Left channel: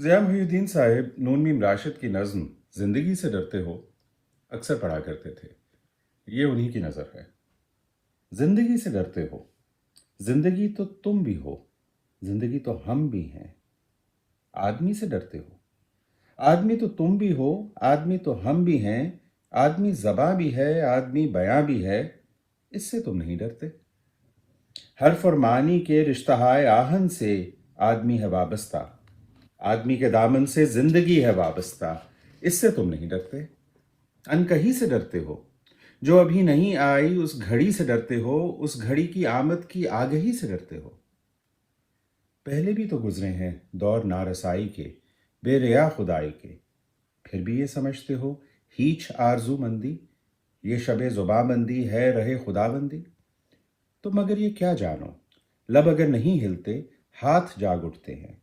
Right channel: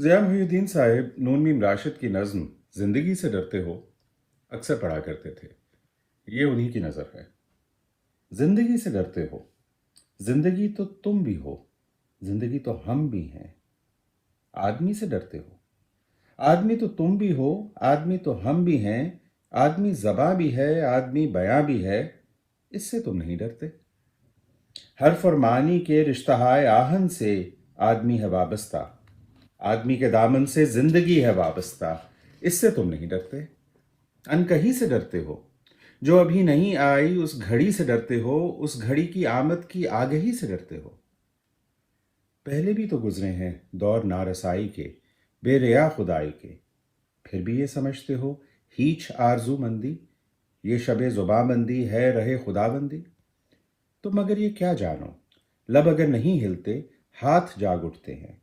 ज़िया मुहिउद्दीन साहब नून मीम राशिद की नज़्म ज़िंदगी से डरते हो अक्सर पढ़ा करते थे। ये उन्हीं की नज़र है। ज़िंदगी से डरते हो, ज़िंदगी तो तुम भी हो, ज़िंदगी तो हम भी हैं। आदमी से डरते हो, आदमी तो तुम भी हो, आदमी तो हम भी हैं। आदमी ज़बां भी है, आदमी बयां भी है, इससे तुम नहीं डरते। हर्फ और मानी के रिश्तहाए आहन से आदमी है वाबस्ता, आदमी के दामन से जिंदगी है वाबस्ता, इससे तुम नहीं डरते। अनकही से डरते हो, जो अभी नहीं आई उस घड़ी से डरते हो, उस घड़ी की आमद की आगही से डरते हो। पहले भी तो गुजरे हैं दौर नारसाई के, बेरिया खुदाई के, फिर भी ये समझते हो हीच आरजू मंदी, ये शबे जुबाबंदी है रहे खुदाबंदी। तो मगर ये क्या जानो, लब अगर नहीं हिलते हाथ जाग उठते हैं,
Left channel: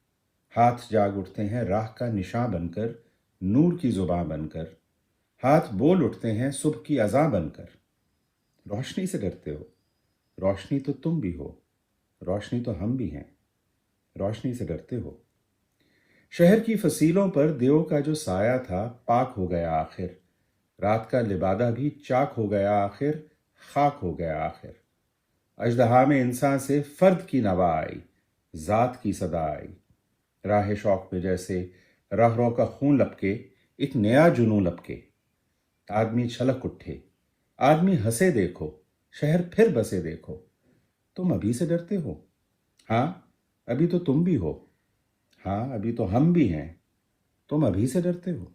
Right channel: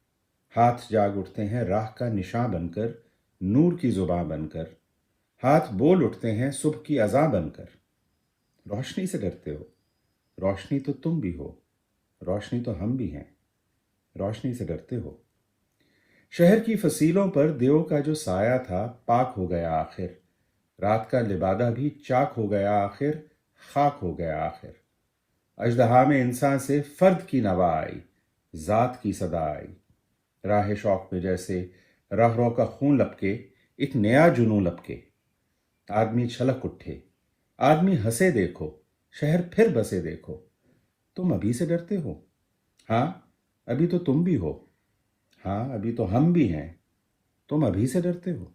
हाथ जाग उठते हैं राह का निशान बनकर, नूर की जुबां बनकर। हाथ बोल उठते हैं सुबह की अज़ां बनकर। रोशनी से डरते हो, रोशनी तो तुम भी हो, रोशनी तो हम भी हैं, रोशनी से डरते हो। शहर की फसीलों पर देव का जो साया था पाक हो गया आखिर, रात का लिबादा भी चाक हो गया आखिर, खाक हो गया आखिर। अजदहा में इंसान से फर्द की नवा आई, जात की सदा आई। राह शौक पे जैसे रहरों का खून लपके, एक नया जुनून लपके। आदमी छलक उठे, आदमी हंसे देखो, शहर फिर बसे देखो। तुम अभी से डरते हो, हाँ अभी तो तुम भी हो, हाँ अभी तो हम भी हैं, तुम अभी से डरते हो।